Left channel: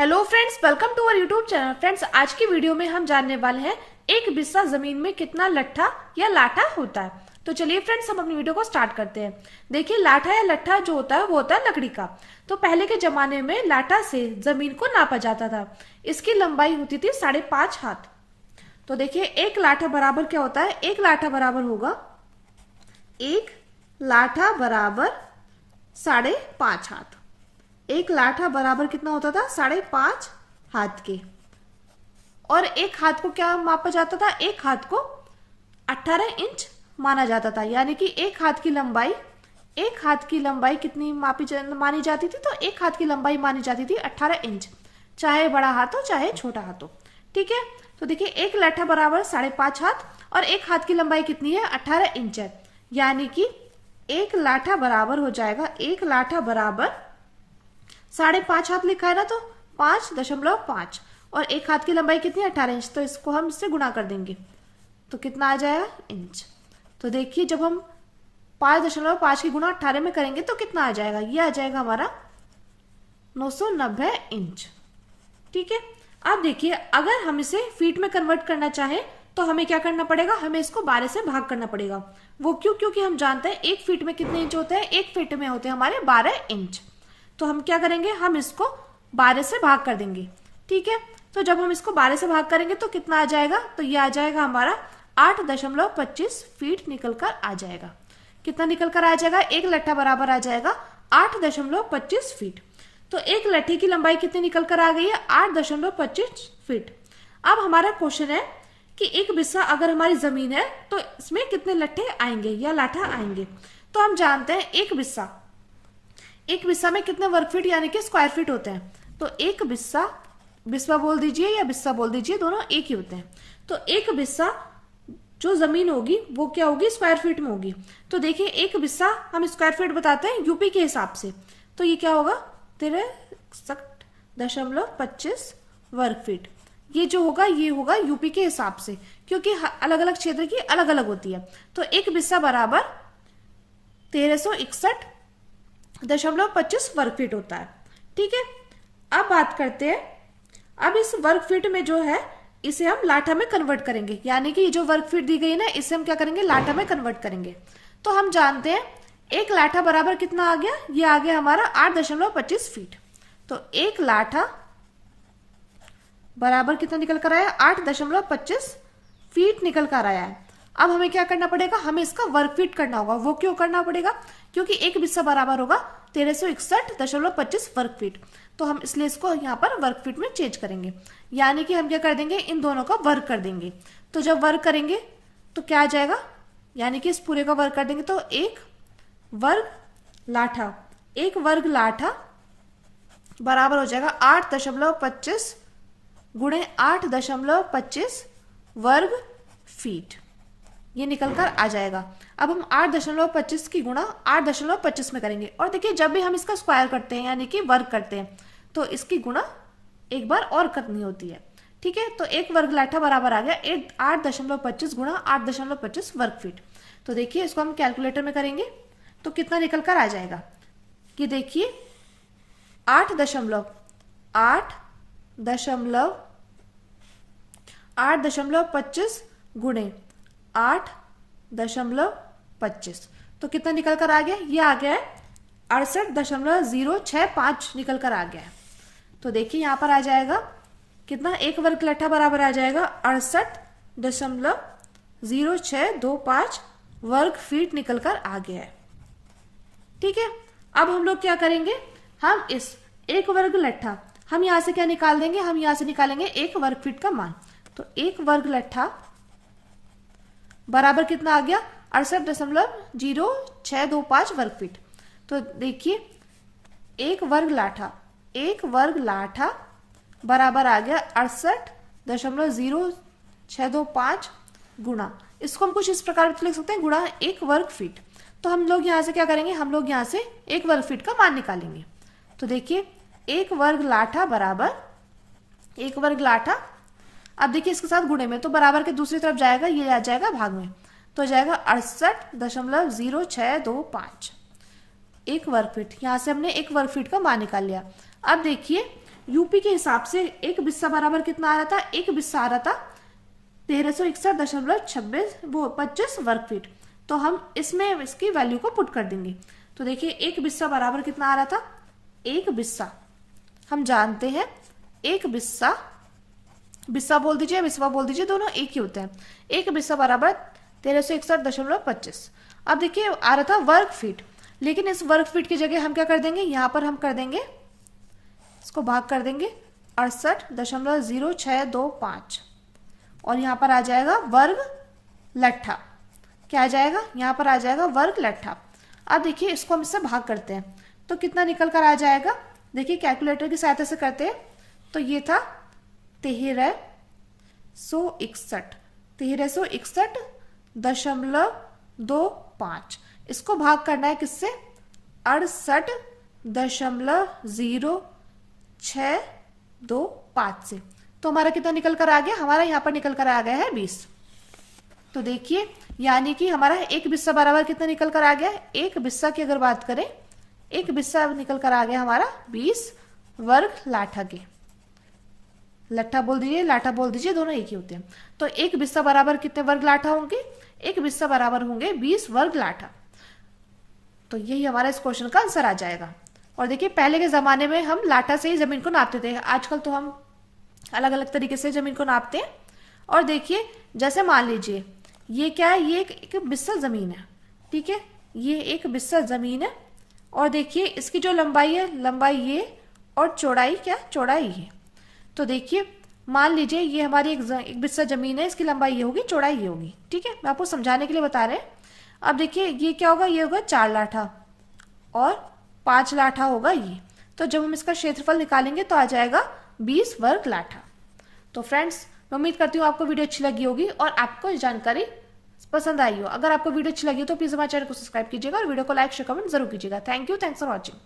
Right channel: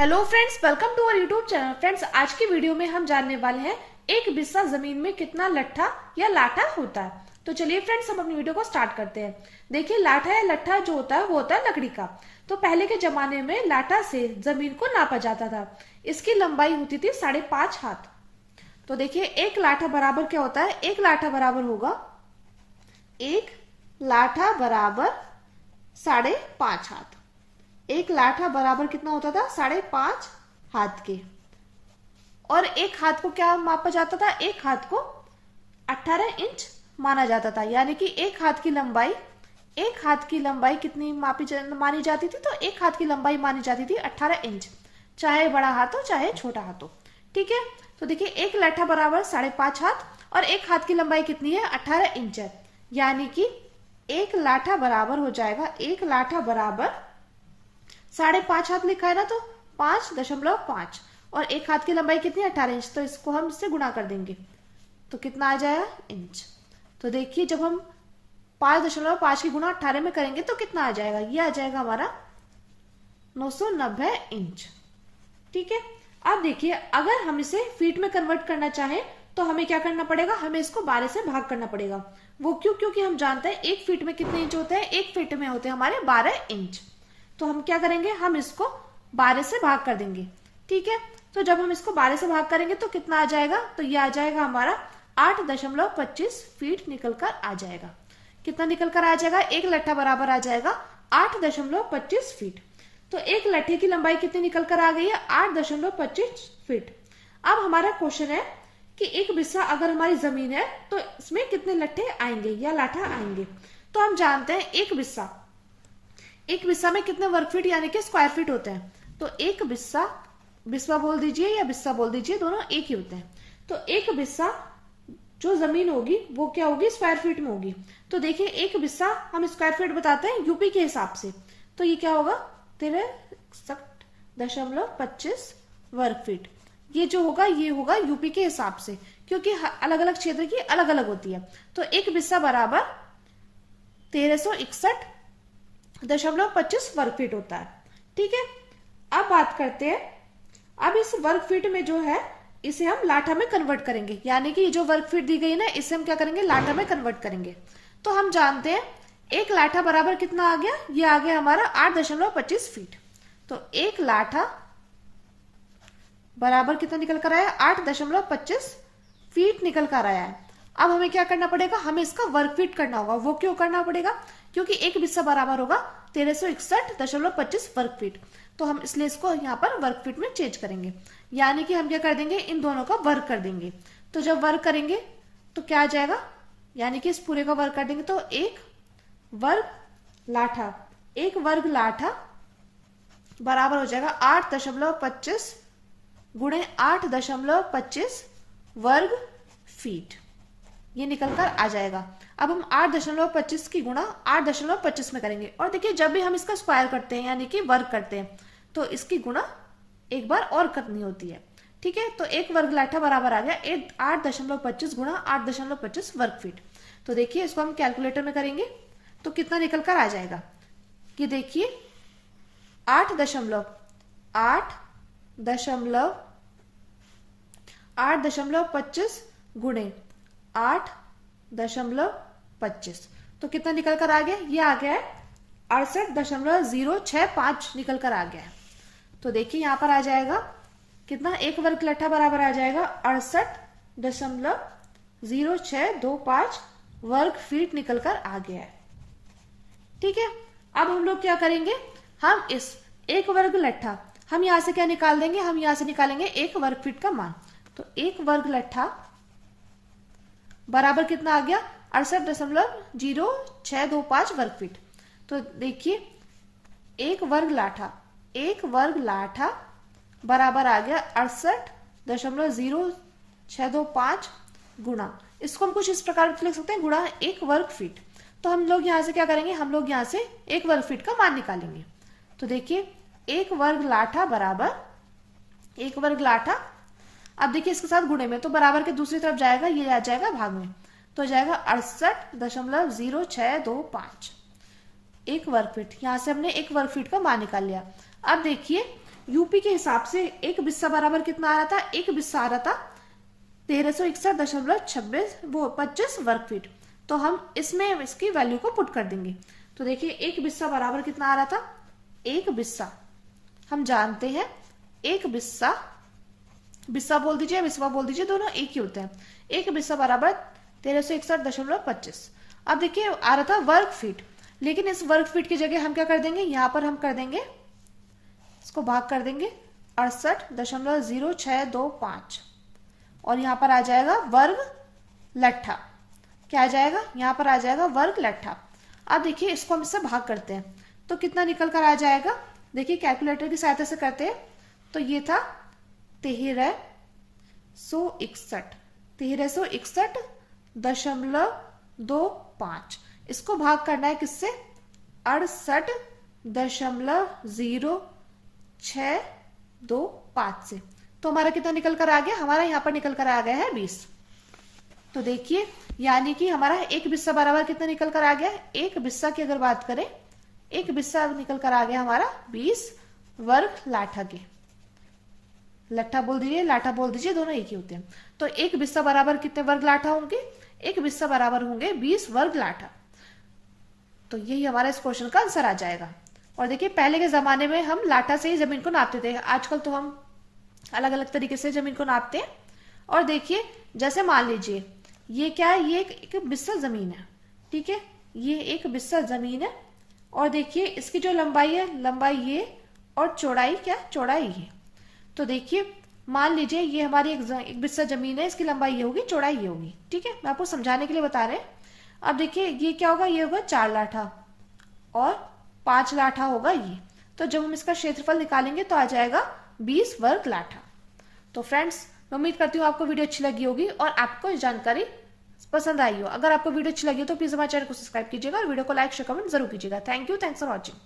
Hello friends, welcome to our YouTube channel. Friends, आज की video में हम जानने वाले हैं एक बिस्सा जमीन में कितना लट्ठा या लाठा होता है। तो चलिए फ्रेंड्स, हम अपनी वीडियो को स्टार्ट करते हैं। देखिए, लाठा या लट्ठा जो होता है वो होता है लकड़ी का। तो पहले के जमाने में लाठा से जमीन को नापा जाता था। इसकी लंबाई होती थी 5.5 हाथ। तो देखिए, एक लाठा बराबर क्या होता है? एक लाठा बराबर होगा, एक लाठा बराबर 5.5 हाथ। एक लाठा बराबर कितना होता था? 5.5 हाथ के। और एक हाथ को क्या मापा जाता था? एक हाथ को 18 इंच माना जाता था। यानी कि एक हाथ की लंबाई कितनी मानी जाती थी? तो एक हाथ की लंबाई मानी जाती थी 18 इंच, चाहे बड़ा हाथ हो चाहे छोटा हाथ हो। ठीक है, तो देखिए, एक लाठा बराबर 5.5 हाथ और एक हाथ की लंबाई कितनी है? 18 इंच है। यानी कि एक लाठा बराबर हो जाएगा, एक लाठा बराबर 5.5 हाथ लिखा है ना, तो 5.5 और एक हाथ की लंबाई कितनी? 18 इंच। तो इसको हम इससे गुणा कर देंगे तो कितना आ जाएगा? इंच। तो देखिए, जब हम 5.5 की गुणा 18 में करेंगे तो कितना आ जाएगा? ये आ जाएगा हमारा 990 इंच। ठीक है, अब देखिए, अगर हम इसे फीट में कन्वर्ट करना चाहें तो हमें क्या करना पड़ेगा? हमें इसको 12 से भाग करना पड़ेगा। वो क्यों? क्योंकि हम जानते हैं एक फीट में कितने इंच होते हैं? एक फीट में होते हैं हमारे 12 इंच। तो हम क्या करेंगे? हम इसको 12 से भाग कर देंगे। ठीक है, तो जब हम इसको 12 से भाग करेंगे तो कितना आ जाएगा? तो ये आ जाएगा हमारा 8.25 फीट निकल कर आ जाएगा। कितना निकल कर आ जाएगा? एक लट्ठा बराबर आ जाएगा 8.25 फीट। तो एक लट्ठे की लंबाई कितनी निकल कर आ गई है? 8.25 फीट। अब हमारा क्वेश्चन है कि एक बिस्सा अगर हमारी जमीन है तो इसमें कितने लट्ठे आएंगे या लाठा आएंगे? तो हम जानते हैं एक बिस्सा में कितने वर्ग फीट यानी कि स्क्वायर फीट होते हैं। तो एक बिस्सा बोल दीजिए या बिस्सा बोल दीजिए, दोनों एक ही होते हैं। तो एक बिस्सा जो जमीन होगी वो क्या होगी? स्क्वायर फीट में होगी। तो देखिए, एक बिस्सा हम स्क्वायर फीट बताते हैं यूपी के हिसाब से। तो ये क्या होगा? 63.25 वर्ग फीट। ये जो होगा ये होगा यूपी के हिसाब से, क्योंकि अलग अलग क्षेत्र की अलग अलग होती है। तो एक बिस्सा बराबर 1361.25 वर्ग फीट होता है। ठीक है, अब बात करते हैं, अब इस वर्ग फीट में जो है इसे हम लाठा में कन्वर्ट करेंगे। यानी कि ये जो वर्ग फीट दी गई ना, इसे हम क्या करेंगे? लाठा में कन्वर्ट करेंगे। तो हम जानते हैं एक लाठा बराबर कितना आ गया? ये आ गया हमारा 8.25 फीट। तो एक लाठा बराबर कितना निकल कर आया? 8.25 फीट निकल कर आया है। अब हमें क्या करना पड़ेगा? हमें इसका वर्ग फीट करना होगा। वो क्यों करना पड़ेगा? क्योंकि एक बिस्सा बराबर होगा 1361.25 वर्ग फीट। तो हम इसलिए इसको यहाँ पर वर्ग फीट में चेंज करेंगे। यानी कि हम क्या कर देंगे? इन दोनों का वर्ग कर देंगे। तो जब वर्ग करेंगे तो क्या आ जाएगा? यानी कि इस पूरे का वर्ग कर देंगे तो एक वर्ग लाठा बराबर हो जाएगा 8.25 गुणे 8.25 वर्ग फीट। ये निकल कर आ जाएगा। अब हम 8.25 की गुणा 8.25 में करेंगे। और देखिए, जब भी हम इसका स्क्वायर करते हैं यानी कि वर्ग करते हैं तो इसकी गुणा एक बार और करनी होती है। ठीक है, तो एक वर्ग लाठा बराबर आ गया 8.25 गुणा 8.25 वर्ग फीट। तो देखिए, इसको हम कैलकुलेटर में करेंगे तो कितना निकल कर आ जाएगा कि देखिए 8.25 गुणे 8.25 तो कितना निकल कर आ गया? ये आ गया है 68.065 निकल कर आ गया है। तो देखिए, यहां पर आ जाएगा कितना? एक वर्ग लाठा बराबर आ जाएगा 68.0625 वर्ग फीट निकल कर आ गया है। ठीक है, अब हम लोग क्या करेंगे? हम इस एक वर्ग लट्ठा हम यहां से क्या निकाल देंगे? हम यहां से निकालेंगे एक वर्ग फीट का मान। तो एक वर्ग लट्ठा बराबर कितना आ गया? 68.0625 वर्ग फीट। तो देखिए, एक वर्ग लाठा बराबर आ गया 68.0625 गुणा, इसको हम कुछ इस प्रकार लिख सकते हैं, गुणा एक वर्ग फीट। तो हम लोग यहां से क्या करेंगे? हम लोग यहां से एक वर्ग फीट का मान निकालेंगे। तो देखिए, एक वर्ग लाठा अब देखिए इसके साथ गुणे में, तो बराबर के दूसरी तरफ जाएगा, ये आ जाएगा भाग में, तो जाएगा 68.0625 एक वर्ग फीट। यहां से हमने एक वर्ग फीट का मान निकाल लिया। अब देखिए, यूपी के हिसाब से एक बिस्सा बराबर कितना आ रहा था, एक बिस्सा आ रहा था 1361.26 वर्ग फीट। तो हम इसमें इसकी वैल्यू को पुट कर देंगे। तो देखिए एक बिस्सा बराबर कितना आ रहा था, एक बिस्सा हम जानते हैं एक बिस्सा, बिस्सा बोल दीजिए बिस्वा बोल दीजिए, दोनों एक ही होते हैं। एक बिस्सा बराबर 1361.25। अब देखिए आ रहा था वर्ग फीट, लेकिन इस वर्ग फीट की जगह हम क्या कर देंगे, यहां पर हम कर देंगे इसको भाग कर देंगे 68.0625 और यहां पर आ जाएगा वर्ग लट्ठा। क्या आ जाएगा, यहां पर आ जाएगा वर्ग लट्ठा। अब देखिए इसको हम इससे भाग करते हैं तो कितना निकल कर आ जाएगा, देखिए कैलकुलेटर की सहायता से करते हैं। तो ये था 1361.25। इसको भाग करना है किससे, 68.0625 से। तो हमारा कितना निकल कर आ गया, हमारा यहाँ पर निकल कर आ गया है 20। तो देखिए यानी कि हमारा एक बिस्सा बराबर कितना निकल कर आ गया, एक बिस्सा की अगर बात करें, एक बिस्सा निकल कर आ गया हमारा 20 वर्ग लाठा के। लट्ठा बोल दीजिए लाठा बोल दीजिए, दोनों एक ही होते हैं। तो एक बिस्सा बराबर कितने वर्ग लाठा होंगे, एक बिस्सा बराबर होंगे 20 वर्ग लाठा। तो यही हमारा इस क्वेश्चन का आंसर आ जाएगा। और देखिए पहले के जमाने में हम लाठा से ही जमीन को नापते थे, आजकल तो हम अलग अलग तरीके से जमीन को नापते हैं। और देखिए जैसे मान लीजिए ये क्या है, ये एक बिस्सा जमीन है, ठीक है, ये एक बिस्सा जमीन है। और देखिए इसकी जो लंबाई है, लंबाई ये, और चौड़ाई क्या, चौड़ाई ये। तो देखिए मान लीजिए ये हमारी एक बिस्सा जमीन है, इसकी लंबाई ये होगी, चौड़ाई ये होगी, ठीक है, मैं आपको समझाने के लिए बता रहे हैं। अब देखिए ये क्या होगा, ये होगा 4 लाठा और 5 लाठा होगा ये। तो जब हम इसका क्षेत्रफल निकालेंगे तो आ जाएगा 20 वर्ग लाठा। तो फ्रेंड्स मैं उम्मीद करती हूँ आपको वीडियो अच्छी लगी होगी और आपको जानकारी पसंद आई हो। अगर आपको वीडियो अच्छी लगी तो प्लीज हमारे चैनल को सब्सक्राइब कीजिएगा और वीडियो को लाइक शेयर कमेंट जरूर कीजिएगा। Thank you, thanks for watching.